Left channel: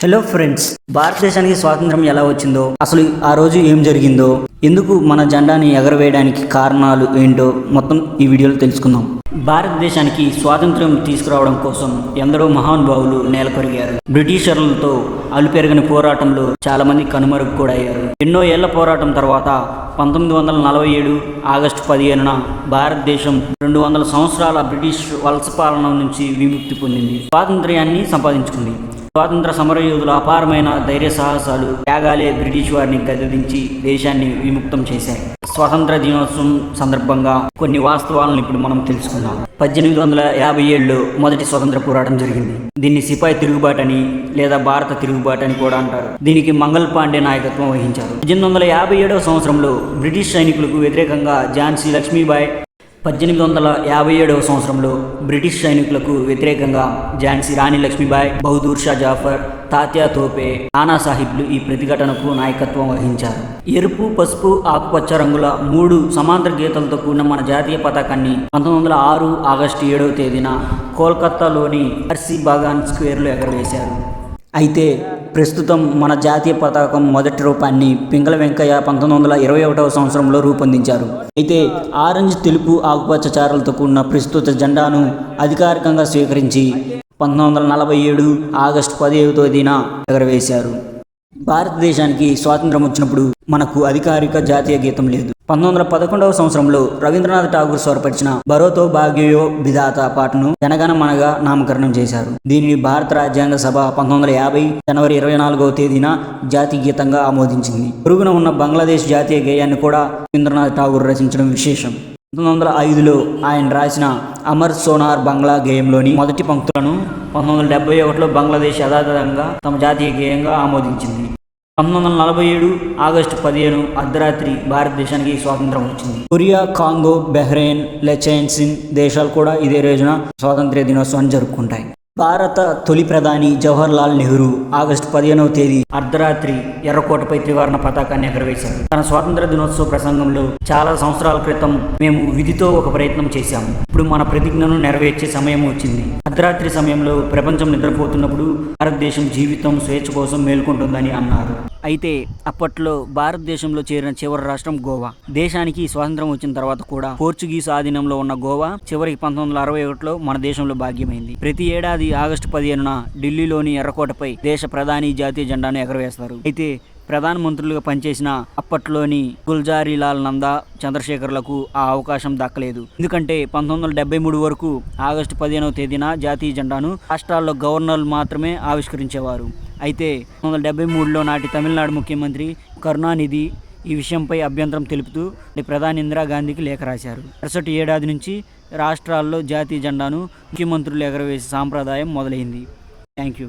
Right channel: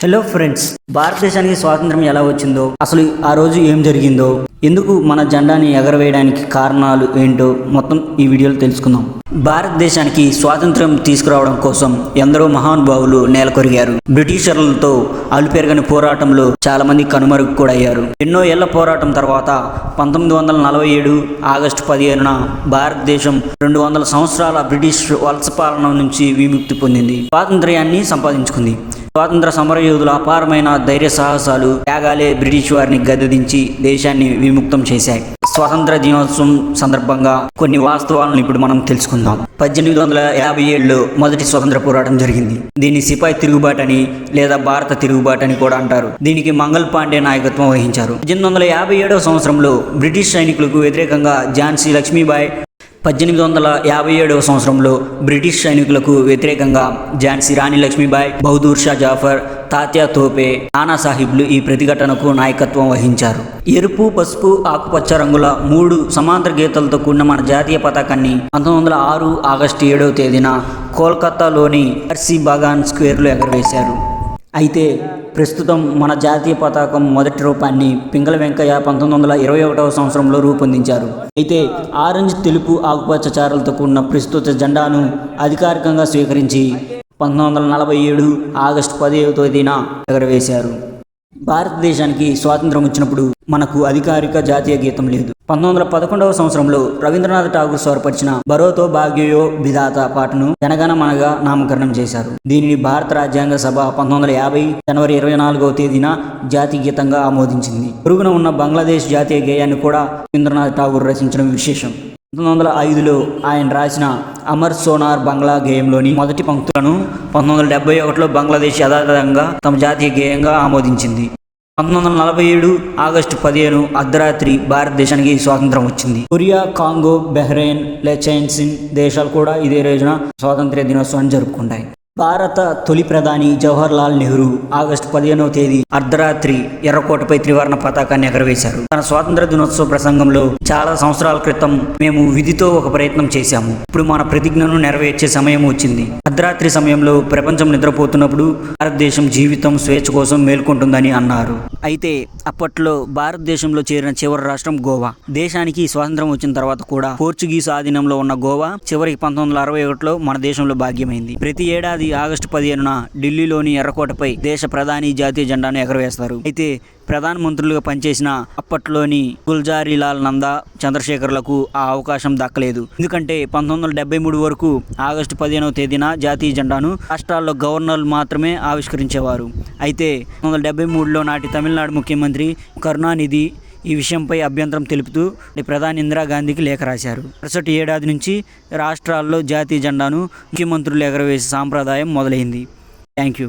Hello friends భారతదేశానికి స్వాతంత్రం ఎలా వచ్చిందో అసలు ఆ రోజు ఏం జరిగిందో ఎందుకు మన జెండాని ఎగరవేయడానికి కారణాలు ఏంటో మొత్తం ఈ వీడియోలో తెలుసుకుందాం. భారతదేశానికి స్వాతంత్రం తీసుకురావడం కోసం ఎందరో మహానుభావులు నేలకొరిగారు బ్రిటిషర్లతో అలుపెరగని పోరాటంలో చాలా మంది కనుమరుగు కూడా అయ్యారు ఎన్నో ఏళ్ళ పోరాటం తర్వాత పంతొమ్మిది వందల నలభై ఏడు ఆగస్టు పదిహేనున భారతదేశం రెండు వందల సంవత్సరాల బ్రిటిష్ వలస పాలన నుంచి విముక్తి పొందింది. స్వాతంత్ర్యాన్ని సంపాదించుకుంది. స్వాతంత్ర సమరయోధుల అపారమైన ధైర్య సాహసాలు త్యాగాలే బ్రిటిష్ వారిని గద్దదించి దేశాన్ని విముక్తం చేశాయి. స్వాతంత్ర దినోత్సవం సందర్భంగా కొన్ని వాస్తవాలను ఇప్పుడు మనం తెలుసుకుందాం. పద్దెనిమిది వందల యాభై ఏడులో మొదటి స్వతంత్ర పోరాటం జరిగింది. దీన్ని సిపాయి తిరుగుబాటని లేదా భారత తిరుగుబాటని కూడా అంటారు. దీనికి మంగల్ పాండే నాయకత్వం వహించారు. పద్దెనిమిది వందల యాభై ఏడవ సంవత్సరంలో బ్రిటిష్ సైనికులకు వ్యతిరేకంగా ఝాన్సీ లక్ష్మీబాయి పద్దెనిమిది వందల యాభై ఏడవ సంవత్సరంలో బ్రిటిష్ సైనికులకు వ్యతిరేకంగా ఝాన్సీ రాణి లక్ష్మీబాయి బహదూర్ షా జాఫర్ తాత్యా తోపే నానాసాహిబ్లు ఈ ప్రతిఘటనకు నాయకత్వం వహించారు. ఎరుపు పసుపు ఆకుపచ్చ రంగుల మూడు సమాంతర గీతలతో కూడిన మన జాతీయ పతాకాన్ని పంతొమ్మిది వందల ఆరు ఆగస్టు ఏడవ తేదీన కోల్కతాలోని అర్సీ బాగాన్ స్క్వేర్లో ఎగరవేశారు. అయితే ప్రస్తుతం మన జాతీయ పతాకం మొదటి రూపాన్ని పింగళ వెంకయ్య పంతొమ్మిది వందల ఇరవై ఒకటవ సంవత్సరంలో రూపొందించారు. అయితే ఆరెంజ్ తెలుపు ఆకుపచ్చ చారలతో కూడిన ప్రస్తుత జెండాను అధికారికంగా స్వీకరించి పంతొమ్మిది వందల నలభై ఏడు ఆగస్టు పదిహేవ తేదీన ఎగరవేశారు. భారతదేశానికి స్వాతంత్రం వచ్చినప్పుడు మనకు అధికారిక జాతీయ గీతం లేదు. పంతొమ్మిది వందల పదకొండవ సంవత్సరంలో రవీంద్రనాథ్ ఠాగూర్ స్వరపరిచిన బరోతో భాగ్యయో విధాత పాటను జనగణ మనగా నామకరణం చేశారు. దీనిని భారత రాజ్యాంగ సభ పంతొమ్మిది వందల యాభై జనవరి ఇరవై నాలుగవ తేదీన జాతీయ గీతంగా ఆమోదించింది. పొరుగున ఉన్న బంగ్లాదేశ్ జాతీయ గేయాన్ని కూడా రవీంద్రనాథ్ ఠాగూర్ రచించడం విశేషం. పంతొమ్మిది వందల ఐదులో ఆయన రాసిన అమర్ సోనార్ బంగ్లా గేయంలోని మొదటి పంక్తులను పంతొమ్మిది వందల డెబ్బై ఒకటిలో బంగ్లాదేశ్ యథాతథంగా తమ జాతీయ గేయంగా ఆమోదించింది. పంతొమ్మిది వందల నలభై ఏడు ఆగస్టు పదిహేను అర్ధరాత్రి భారతదేశానికి స్వాతంత్రం వచ్చింది. కొరియా కాంగో బెహ్రెయిన్ లెచైన్సిన్ దేశాలు కూడా ఇదే రోజున స్వాతంత్ర్య దినోత్సవం జరుపుకుంటాయి. భారత తొలి ప్రధాని జవహర్ లాల్ నెహ్రూ ఆగస్టు పదిహేనవ తేదీ అర్ధరాత్రి ఎర్రకోటపై త్రివర్ణ పతాకాన్ని ఎగరవేశారు. తన స్వాతంత్ర దినోత్సవ ప్రసంగంలో చాలా సంవత్సరాల క్రితం మేము విధితో ఒక ప్రయత్నం చేశాము. ఇప్పుడు మన ప్రతిజ్ఞను నెరవేర్చే సమయం వచ్చింది. అర్ధరాత్రి సమయంలో ప్రపంచం నిద్రపోతున్నప్పుడు భారతదేశం జీవితం స్వేచ్ఛ కోసం మేల్కొంటుందని అన్నారు. అయితే అప్పట్లో భారతదేశంలో చేరిన చివరి రాష్ట్రం గోవా. దేశానికి స్వాతంత్రం వచ్చిన తర్వాత కూడా పోర్చుగీస్ ఆధీనంలో ఉన్న గోవా చివరికి పంతొమ్మిది వందల అరవై ఒకటిలో మన దేశంలో భాగ్యమైంది. ప్రతి ఏడాది ఆగస్టు పదిహేనున ఢిల్లీలోని ఎర్రకోటపై దేశ ప్రధాని జాతీయ జెండాను ఎగరవేస్తారు. అయితే ప్రధానమంత్రులుగా పనిచేసిన అప్పట్లోని గుల్జారీలాల్ నందా చంద్రశేఖర్లకు ఆ అవకాశం దక్కలేదు. ఎందుకంటే పంతొమ్మిది వందల డెబ్బై మూడు వరకు ఆగస్టు పదిహేనవ తేదీన జాతీయ జెండాను రాష్ట్రాల్లో గవర్నర్లు మాత్రమే ఆవిష్కరించేవారు. అయితే పంతొమ్మిది వందల డెబ్బై మూడులో నాటి తమిళనాడు ముఖ్యమంత్రి కరుణానిధి ఈ విషయంపై అభ్యంతరం తెలుపుతూ ప్రధాని ఇందిరాగాంధీకి లేఖ రాశారు. మరుసటి ఏడాది నుంచి రాష్ట్రాల్లో జాతీయ జెండాను ముఖ్యమంత్రులు ఎగరవేసే సాంప్రదాయం మొదలైంది. Thank you